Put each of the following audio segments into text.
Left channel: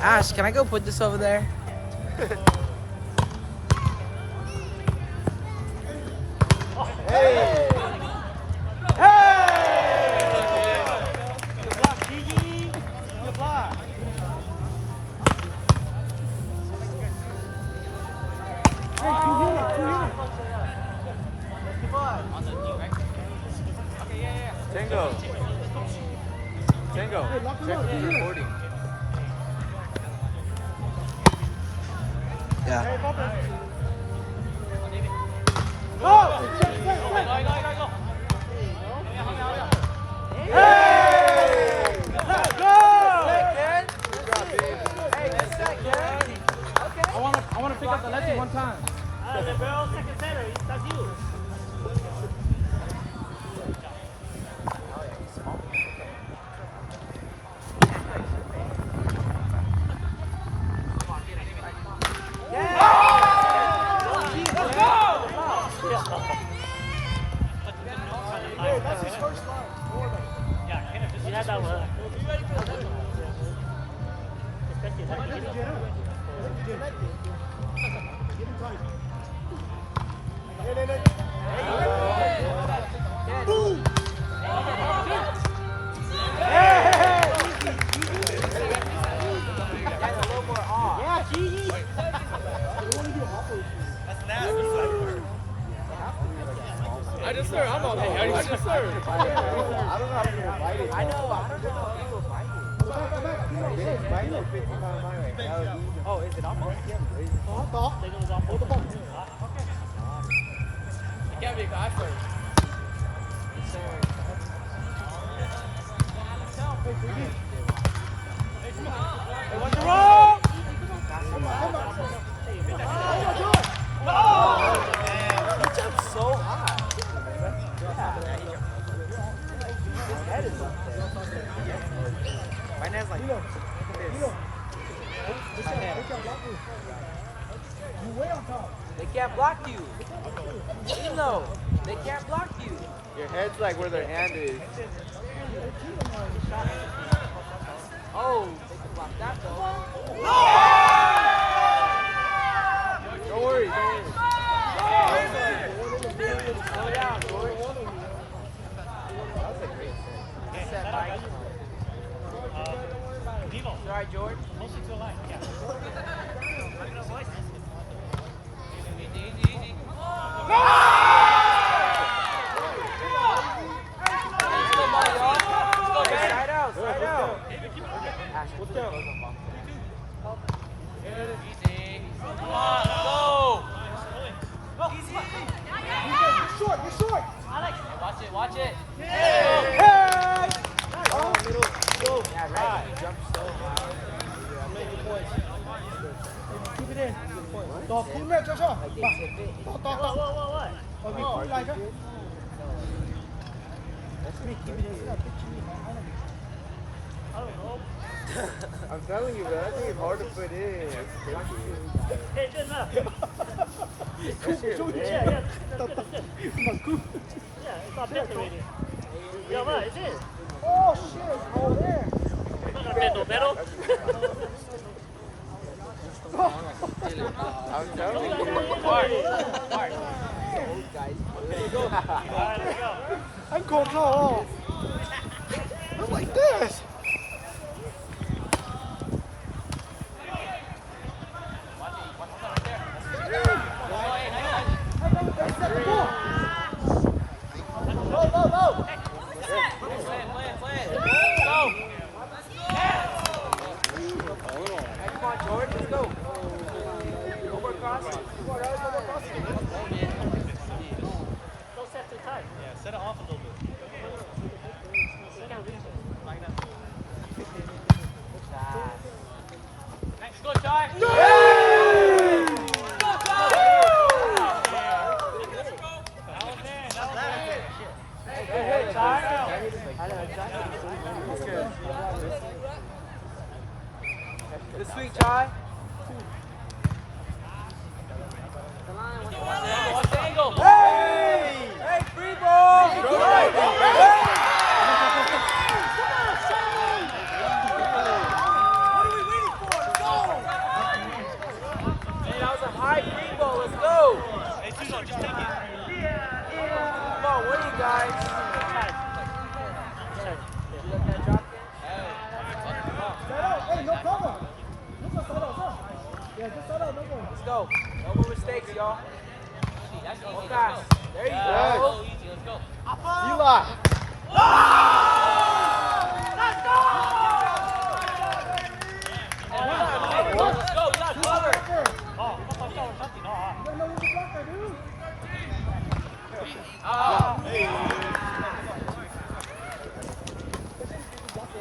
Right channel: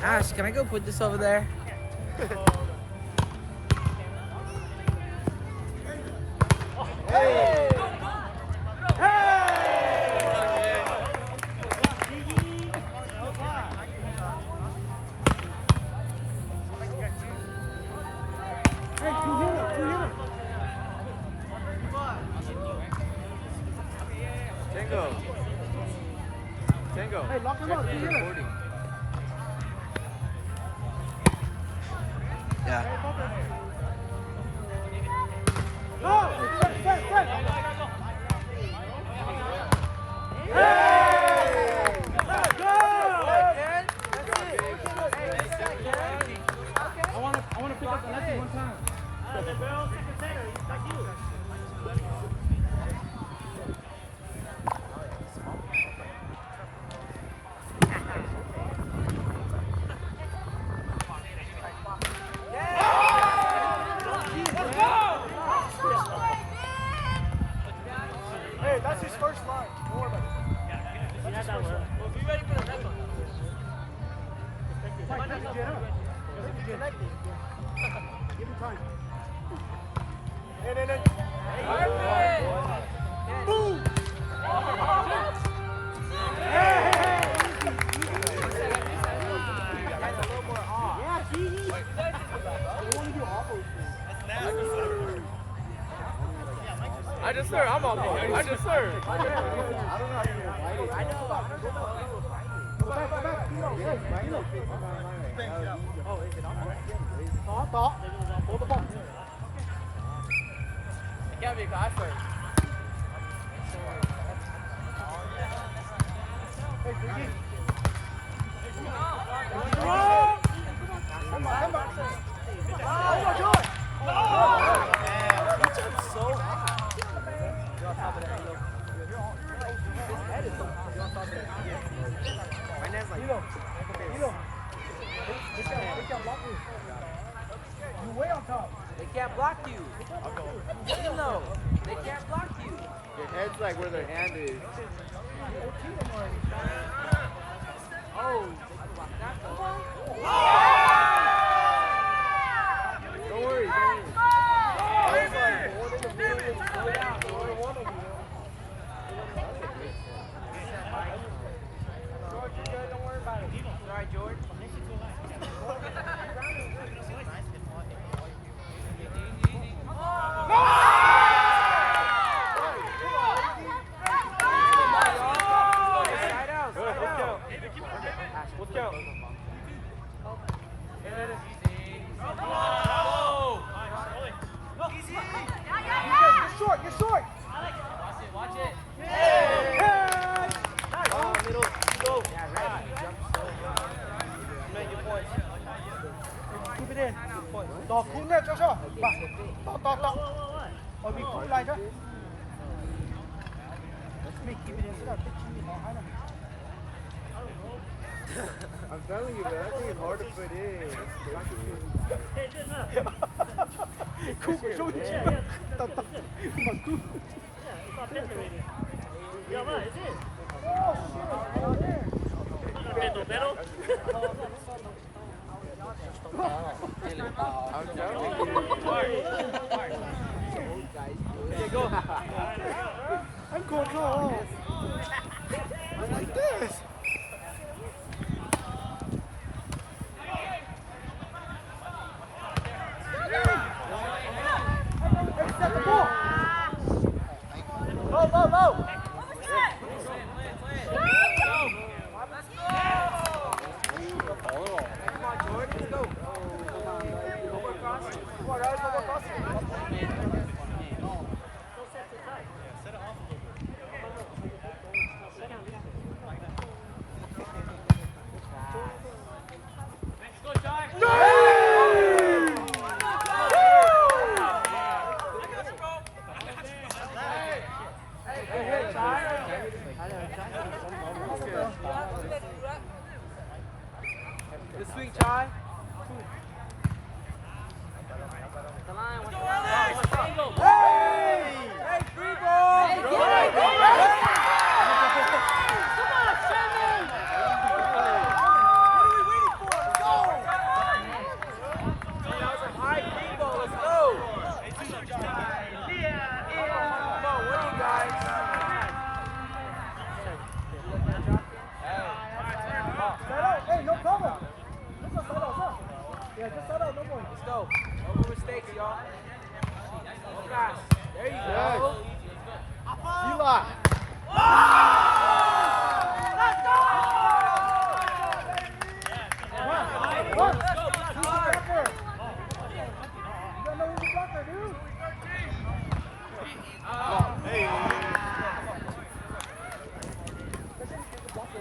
Ash, can I go put this over there? Yeah. I want to pick up the lefty one time. That's his first line. Give him time. Boom! Yeah, Gigi. They want to do awful. That's nasty. I just served. I'm on. I just served. I don't know how to fight it. I know. Oh, is it on? Hold the ball. It can't be a guy first. Hey, come on. Come on. No! That's so hot. My name's like you way on top. They can't block you. You know, they can't block you. Your head's like where their hand is. Oh, come on. Don't worry. Sorry, George. Watch it. Keep it in. Đỏ khung nè cho. Tỏ. Ở bị khui lại chứ. I'm telling you, man, that thing is hard to put in. Oh shit! Oh yeah. Metal? I'm going low. I'm like this. Go.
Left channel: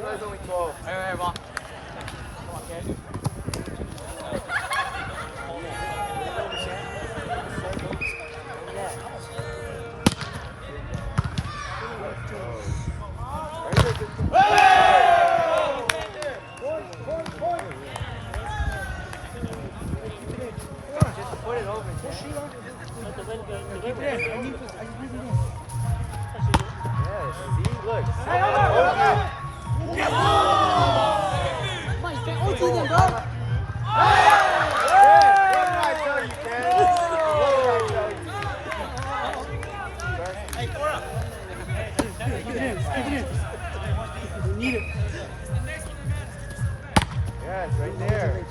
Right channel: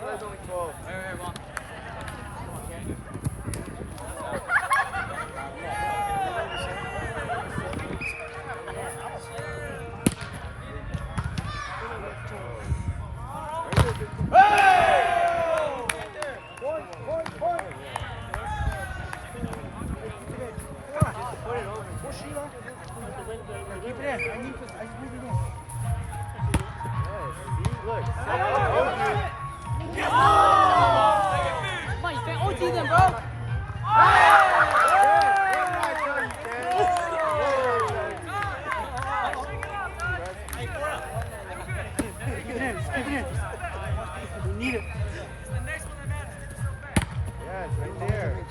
That's only 12. Point. Hey, keep it in. Hold on. Just to put it over. Push Sheila. Yeah, keep it in. I just need it in. Yes, see, look. Hey, hold on. Come on, you can't OT them, bro. Keep it in. You need it. Yes, right there.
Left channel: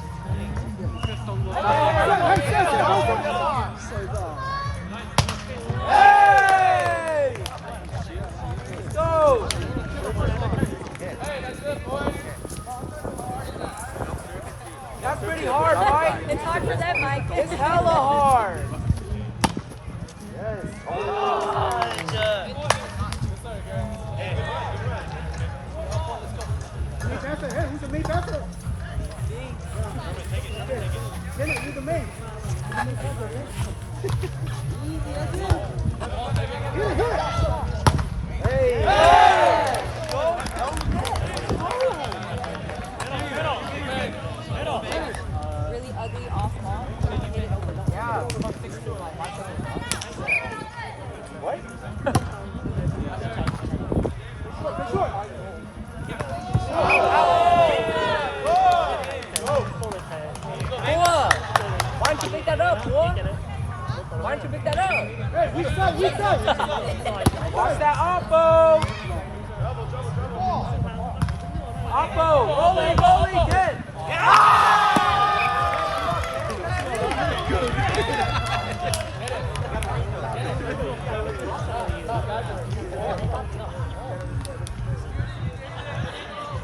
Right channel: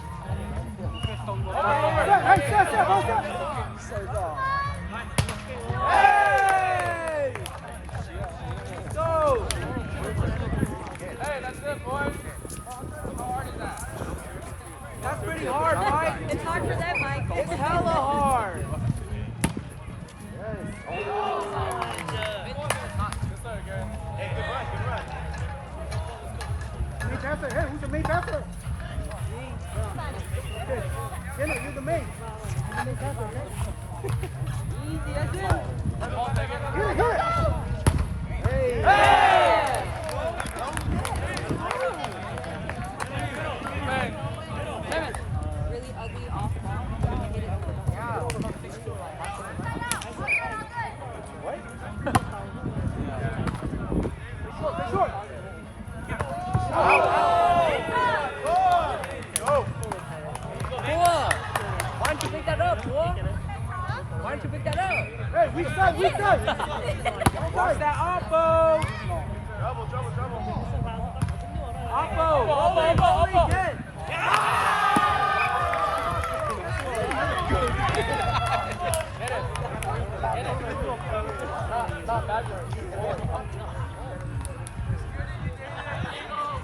Hey! Go! Hey, that's it, boy. That's pretty hard, Mike. It's hard for them, Mike. It's hella hard. Main passer. Hey, who's the main passer? Jenna, you're the main. You're the main passer, okay? Easy, that's it. Here. Hey! Really ugly off Play short. Why don't you pick that up, boy? Why don't you pick that up? Hey, weak side. Watch that Oppo! Oppo! Goalie, good!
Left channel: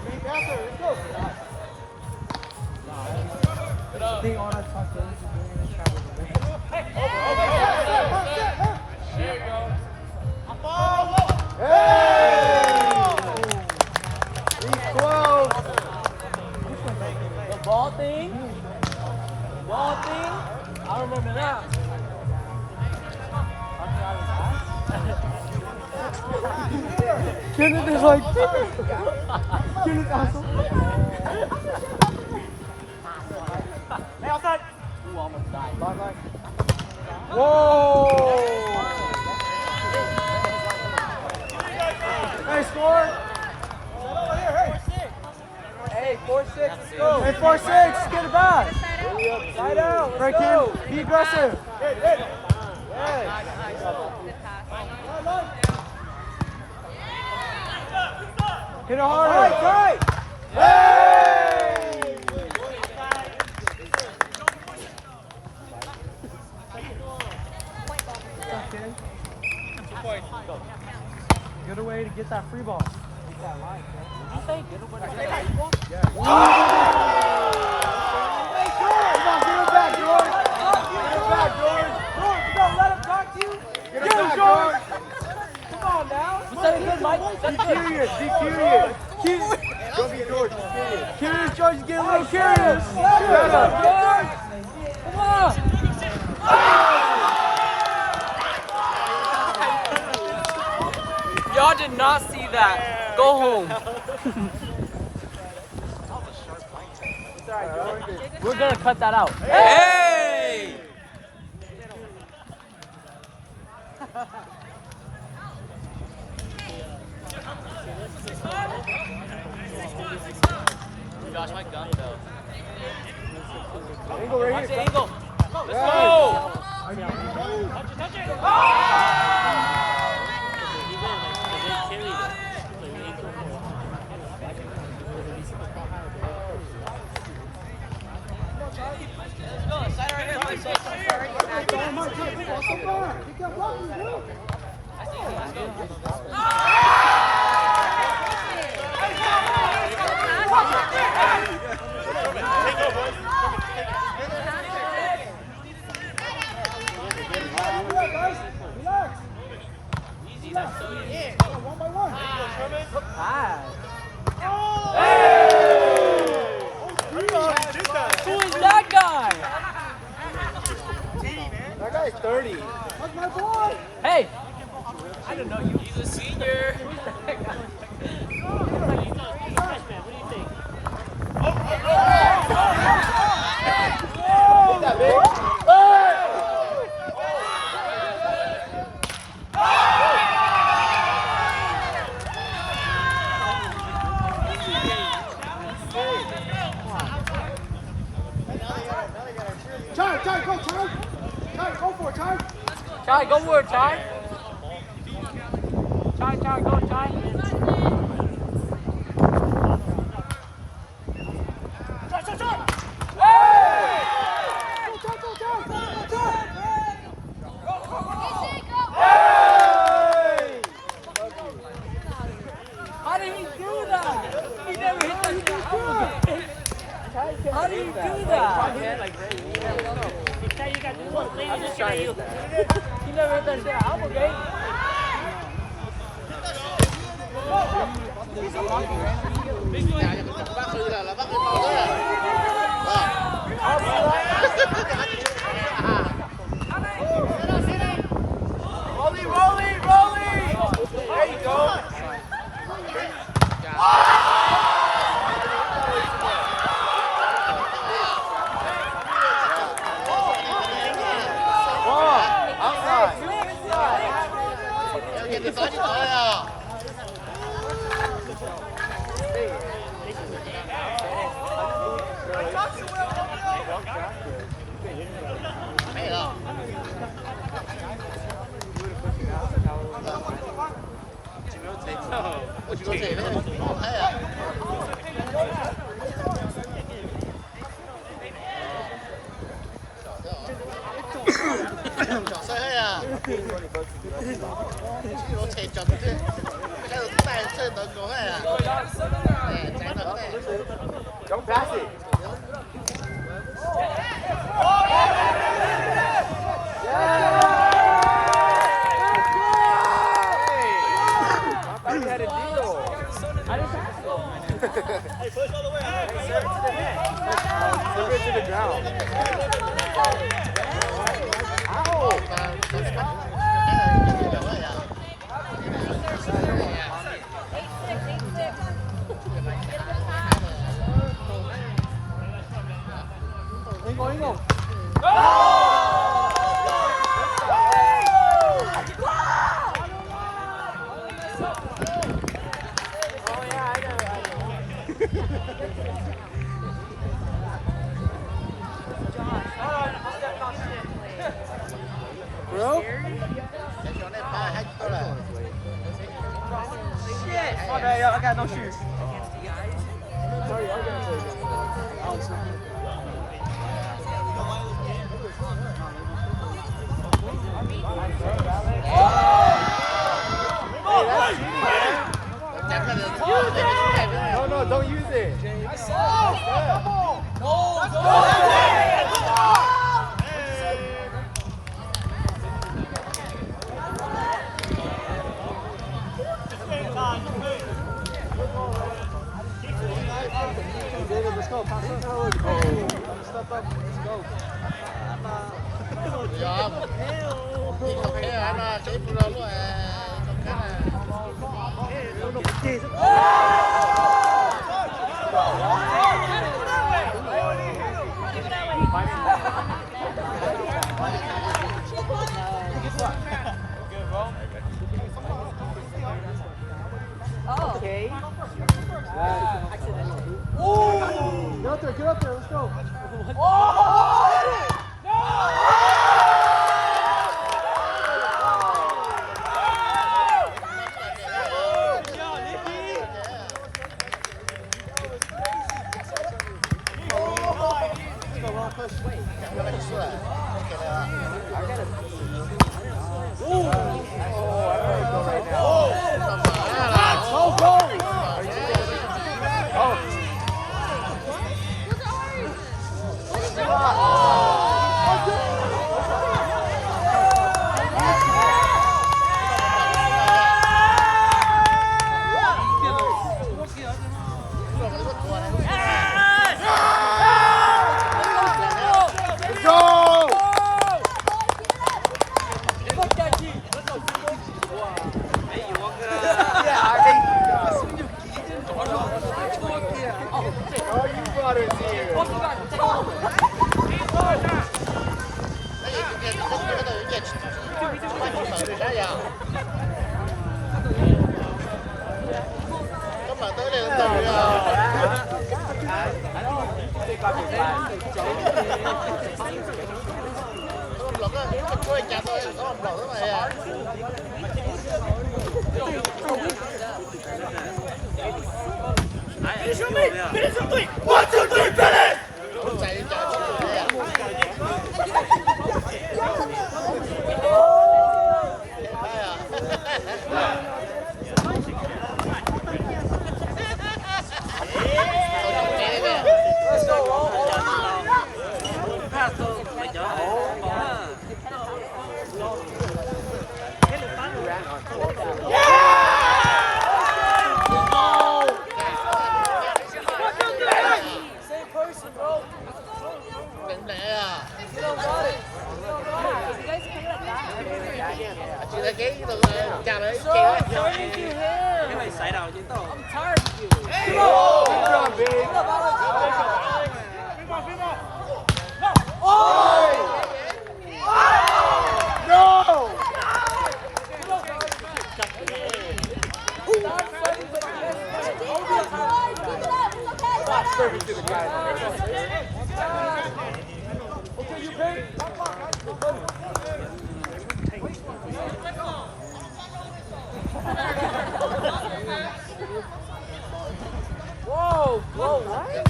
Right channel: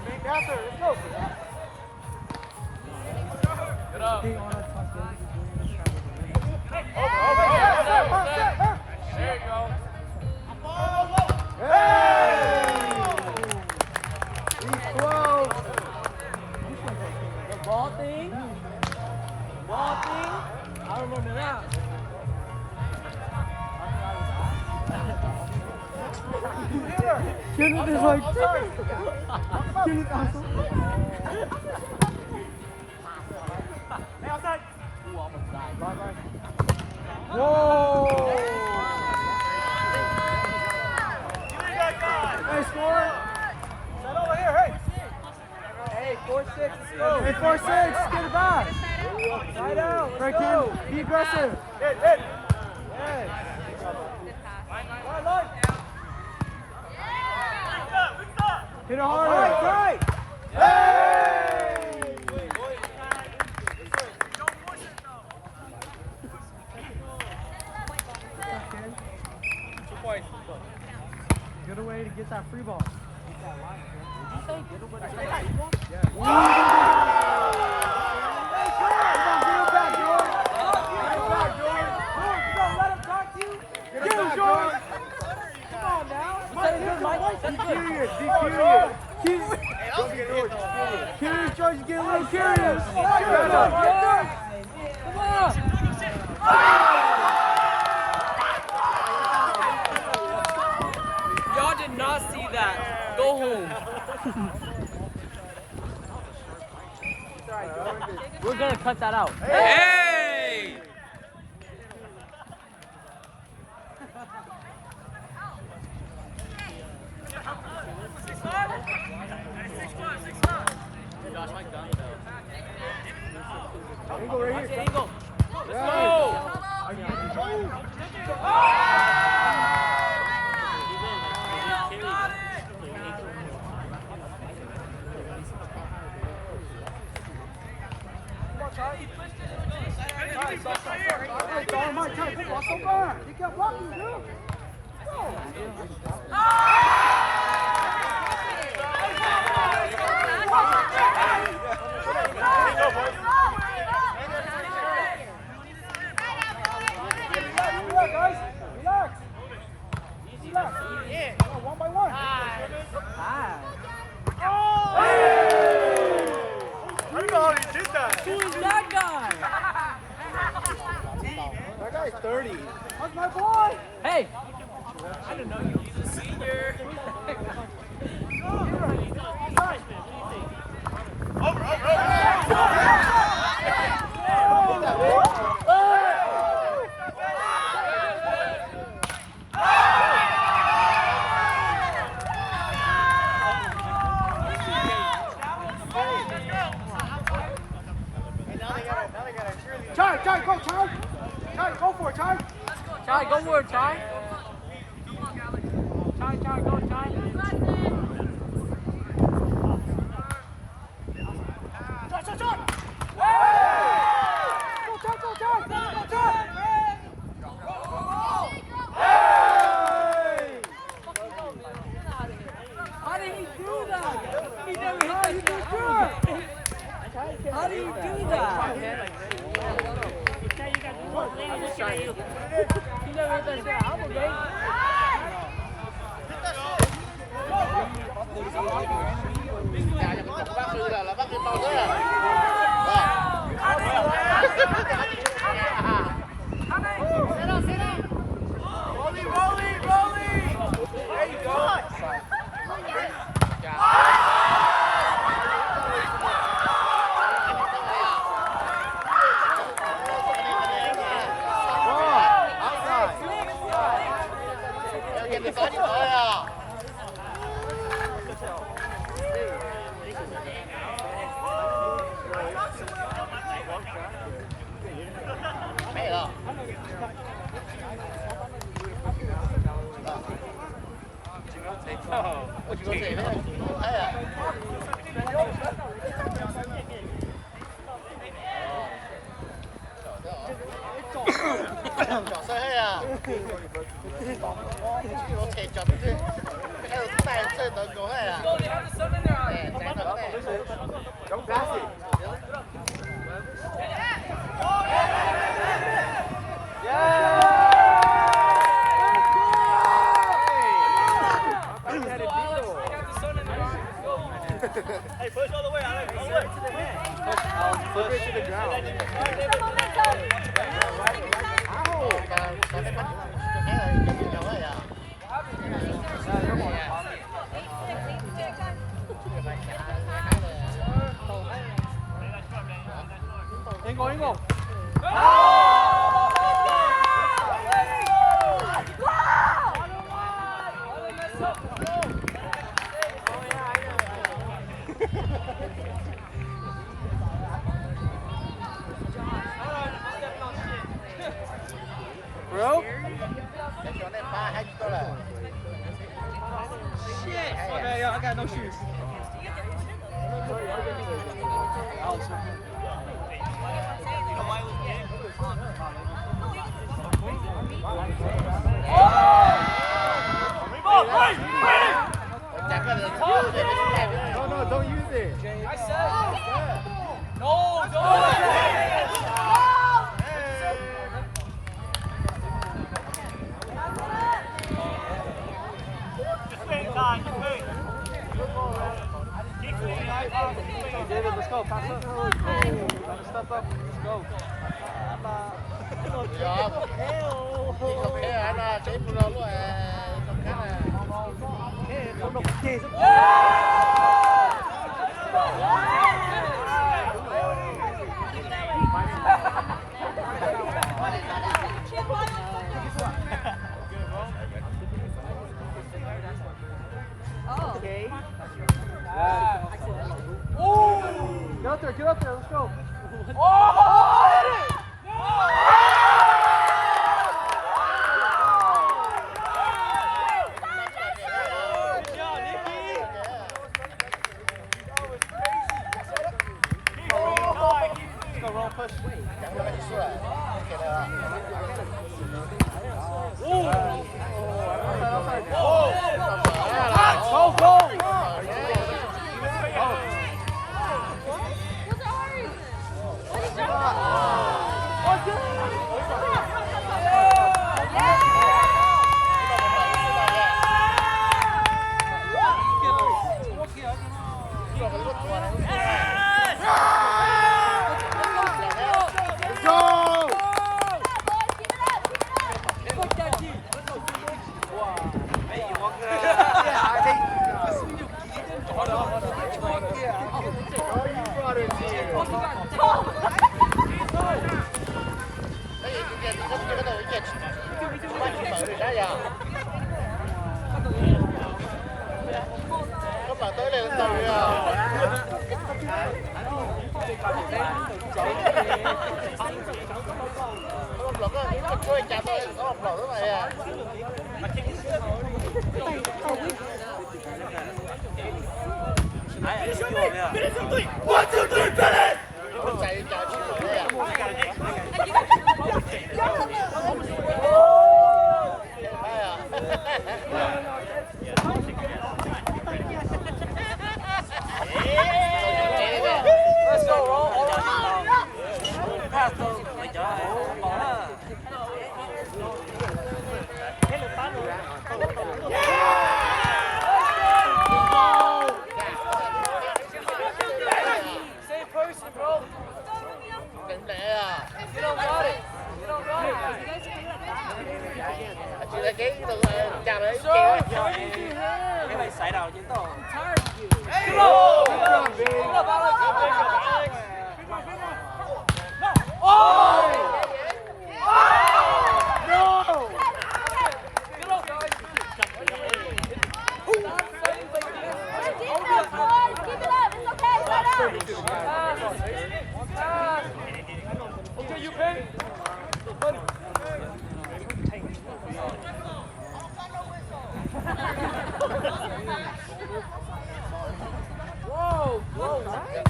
Main passer, let's go. Stay on us. There you go. The ball thing? I remember that. Kenneth is like, Kenneth awesome. Whoa! Nice score. Hey, 4-6, let's go. Hey, 4-6, get it back. Side out. Right, Ken, be aggressive. Hit it harder. Right. Good way to get that free ball. Be curious. Curious, George, get a little curious. Y'all did not see that. Go home. We're gonna cut that out. Hey! Angle right here. Angle. Let's go! One by one. Go for it, Chai. Chai, go, Chai. How did he do that? He never hit that. How did he do that? He never hit that shit out, okay? There you go. Don't pass it. Hey, push all the way. Serve it to the ground. Bro? My bad, y'all. I got no shoes. No, don't use it. David, let's go. Pass it. Step up. Let's go. Okay. Get up there, let's go. Finish on me! Finish on 3! 1, 2, 3, finish!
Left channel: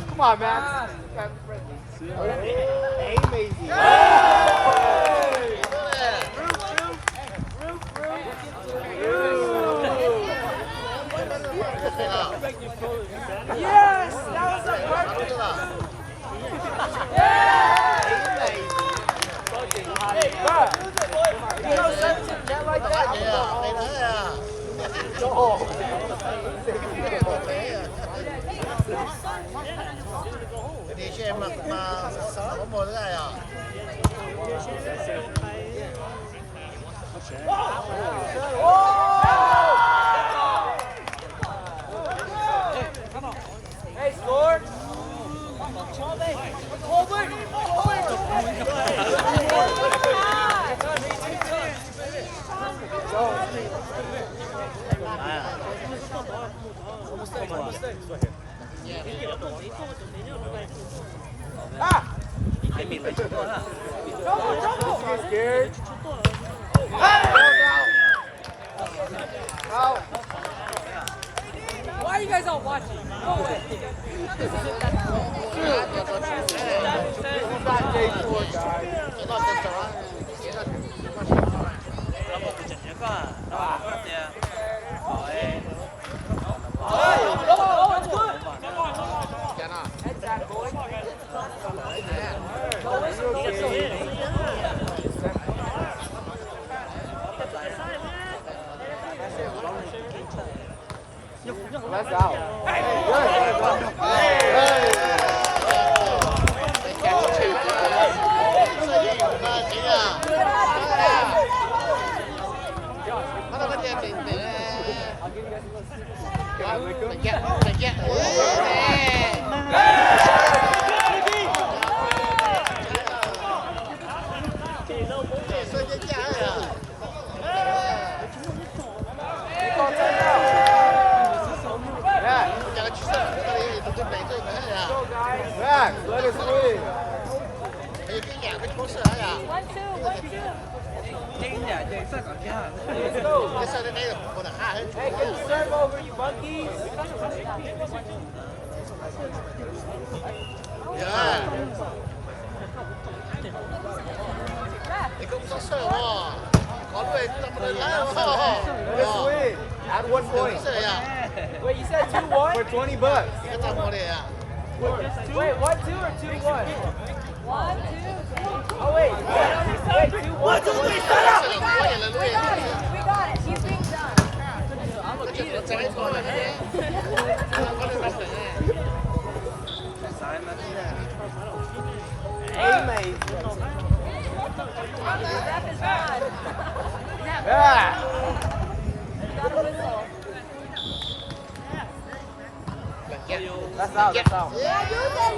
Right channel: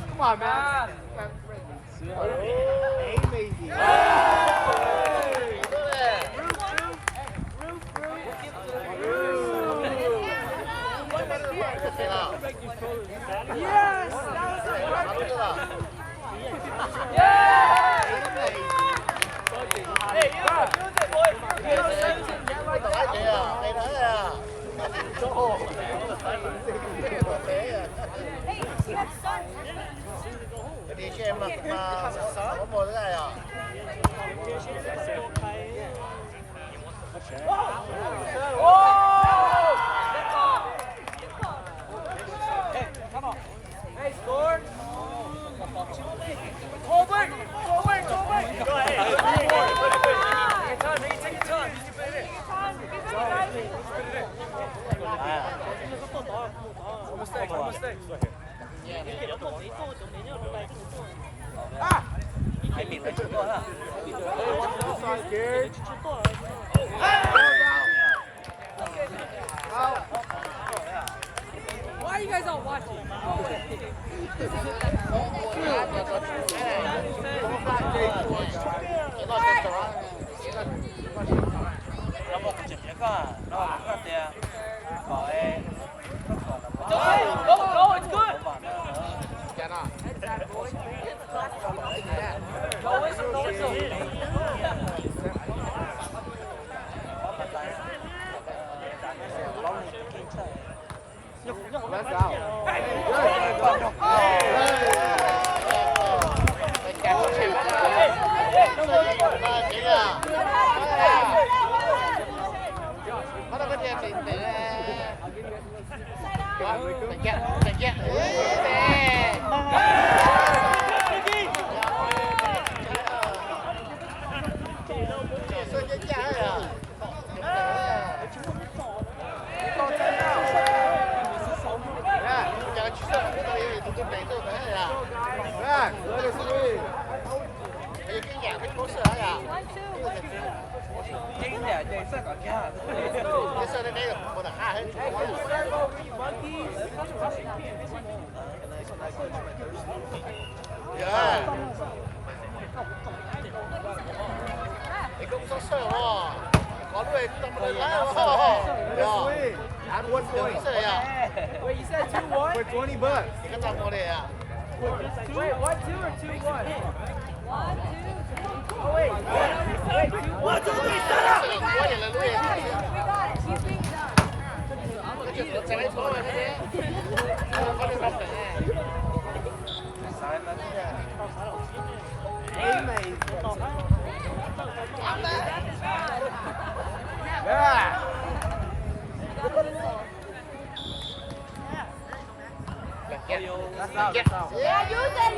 Come on, Max. Amazing. Yes! That was a perfect. Đi cho em mà có một cái này à? Hey, score! Scared? Why are you guys all watching? That's out. Max, let us win. Hey, get the serve over, you monkeys! Let us win. Add 1 point. Wait, you said 2-1? For $20. Wait, 1-2 or 2-1? 1-2. Oh, wait, wait, 2-1. 1, 2, 3, set up! We got it. Keep things done. I'm gonna beat it. Amazing. That's out, that's out. Yeah, use it.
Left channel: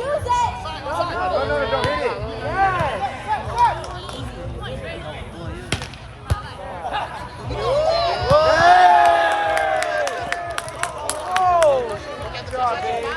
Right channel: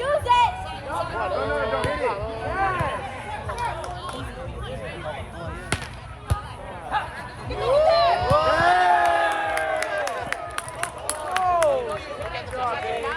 No, don't hit it. Good job, baby.